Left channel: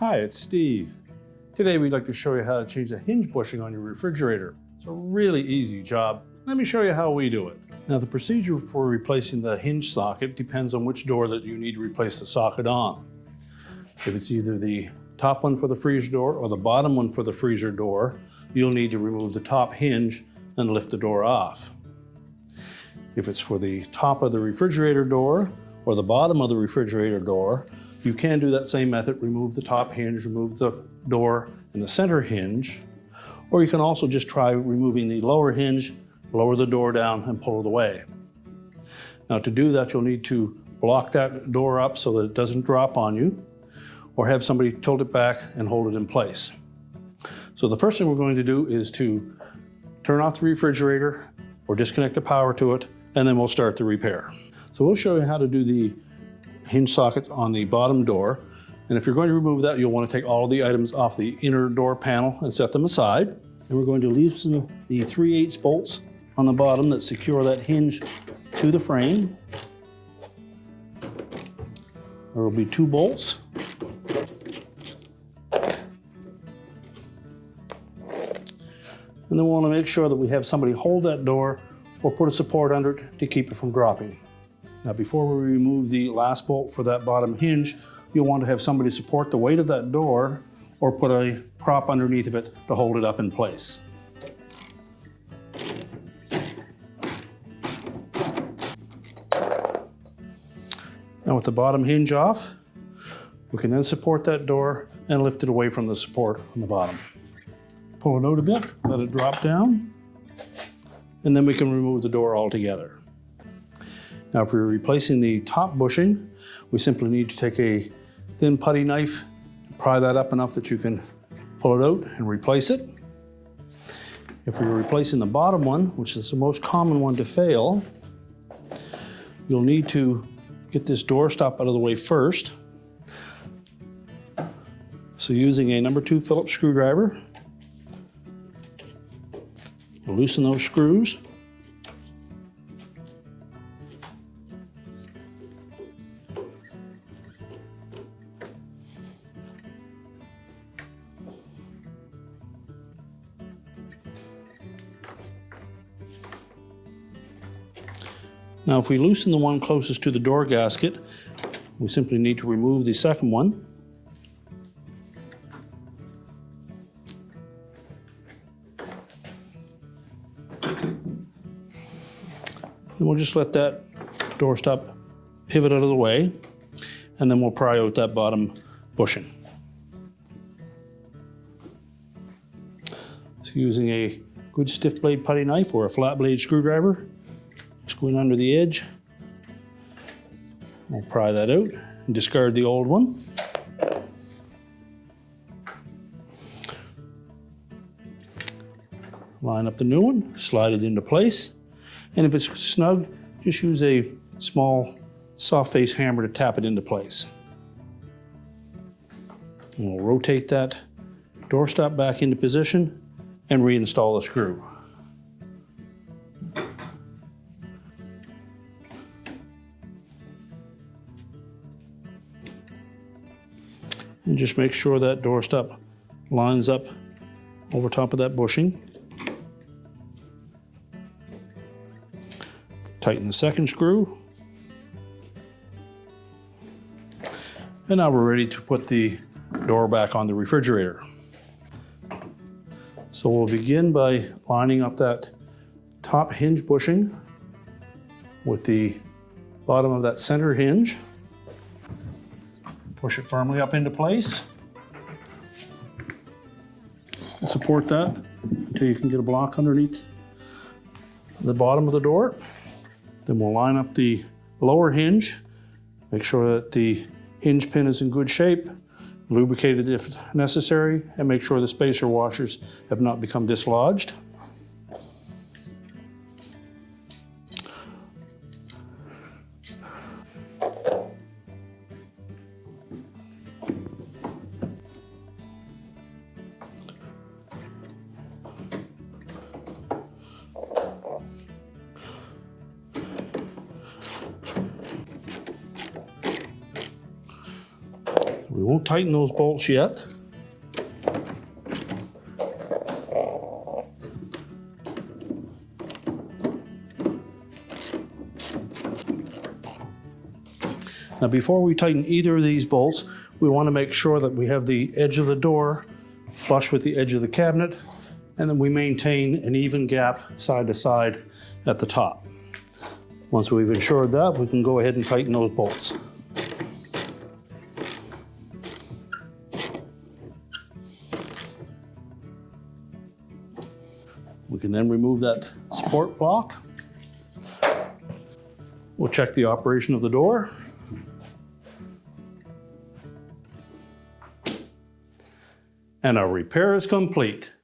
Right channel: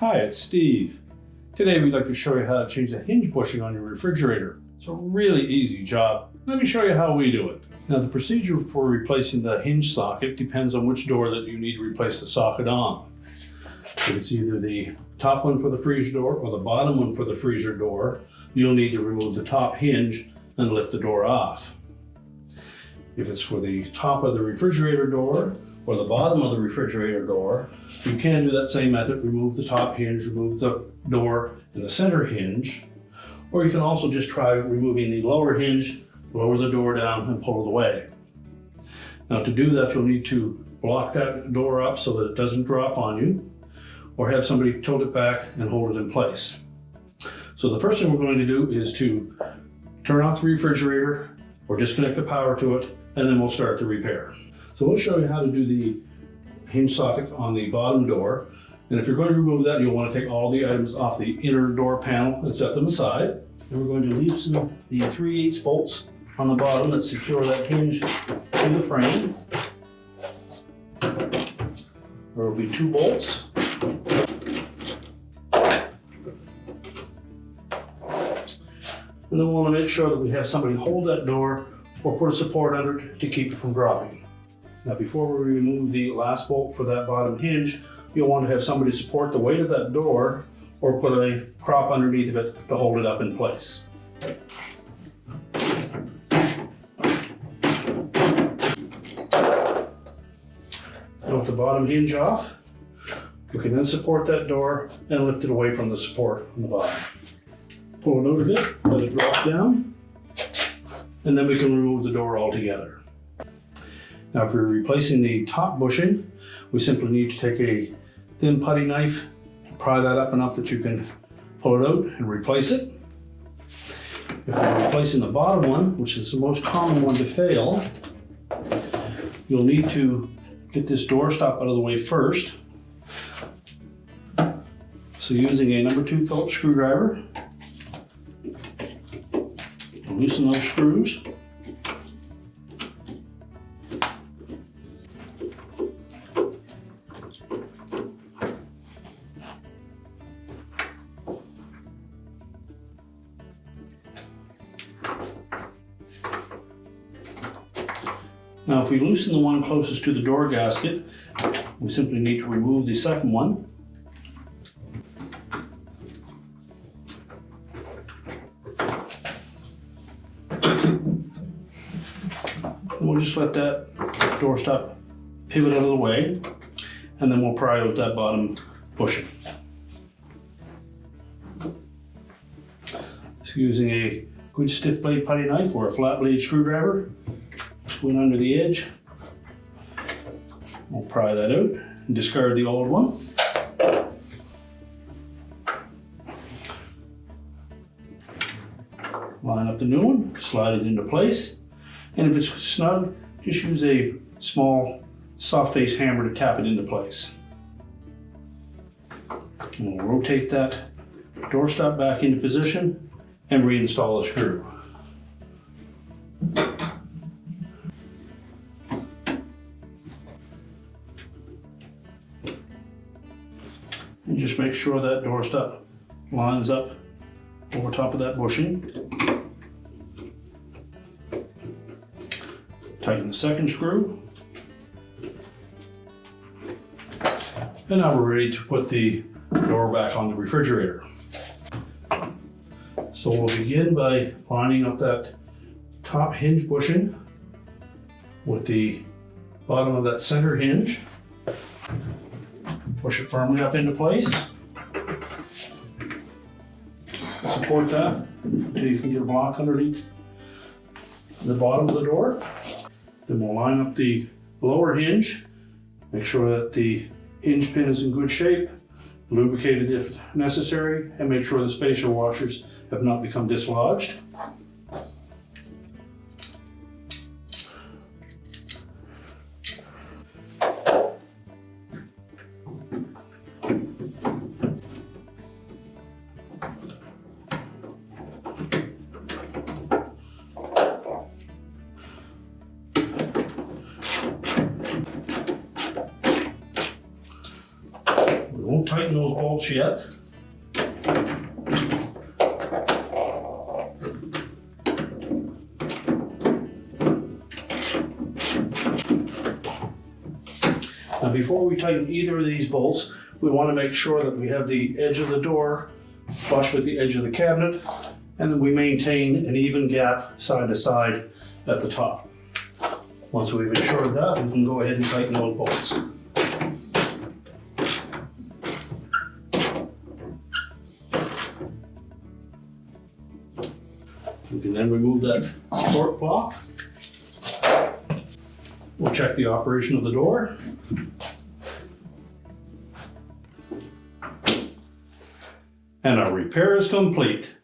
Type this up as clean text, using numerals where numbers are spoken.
Hi, it's Steve. Today we'd like to show you how to change the hinge bushing on your refrigerator. It's a really easy job. Let me show you how we do it. Now the procedure for replacing the hinge socket depends on which door that you need to replace the socket on. If it's either the top one for the freezer door or the bottom one for the freezer door, you'll need to remove the top hinge and lift the door off. If it's for the top of the refrigerator door or the bottom of the refrigerator door, you can do that same method, remove the top hinge, remove the door and the center hinge, or you can also just try removing the lower hinge, lower the door down and pull it away. Now to do that, you'll need to block that door up so that it doesn't drop on you, or have somebody tilt it back and hold it in place. So the first thing we're going to do is to turn off the refrigerator or disconnect the power to it, and then we'll start the repair. So we'll show you how to do the hinge socket on the bottom door. And if you're going to remove that, you'll want to take all the items off the inner door panel and set them aside. And we're going to loosen the 3/8 bolts on the bottom that secure that hinge to the frame. There will be 2 bolts. And then we'll want to make sure that we have somebody hold that door or put a support under it to keep it from dropping. Now before we remove the last bolt for that bottom hinge, you'll want to have somebody support the weight of that door or put a prop underneath of it to hold it up in place. Now with the bottom hinge off, you can then support that door and lift it away from the support on the bottom. Pull it out a bit, let it drop down, and then we can remove the door altogether. Now if we're replacing the top bushing, we simply need to take a thin putty knife, pry that up enough that you can pull it out and replace it. If we're replacing the bottom one, which is the most common one to fail, you'll need to get this door stop out of the way first. So using a number 2 Phillips screwdriver, loosen those screws. Now if we loosen the one closest to the door gasket, we simply need to remove the second one. And we'll just let that door stop pivot out of the way, and then we'll pry out that bottom bushing. So using a good stiff blade putty knife or a flat blade screwdriver, go in under the edge. We'll pry that out and discard the old one. Line up the new one, slide it into place. And if it's snug, just use a small soft face hammer to tap it into place. And we'll rotate that door stop back into position and reinstall the screw. And just make sure that door stop lines up over top of that bushing. Tighten the second screw. And now we're ready to put the door back on the refrigerator. So we'll begin by lining up that top hinge bushing with the bottom of that center hinge. Push it firmly up into place. Support that until you can get a block underneath the bottom of the door. Then we'll line up the lower hinge, make sure that the hinge pin is in good shape, lubricate it if necessary, and make sure the spacer washers have not become dislodged. won't tighten those bolts yet. Now before we tighten either of these bolts, we want to make sure that we have the edge of the door flush with the edge of the cabinet, and then we maintain an even gap side to side at the top. Once we've ensured that, we can go ahead and tighten those bolts. We can then remove that support block. We'll check the operation of the door. And our repair is complete.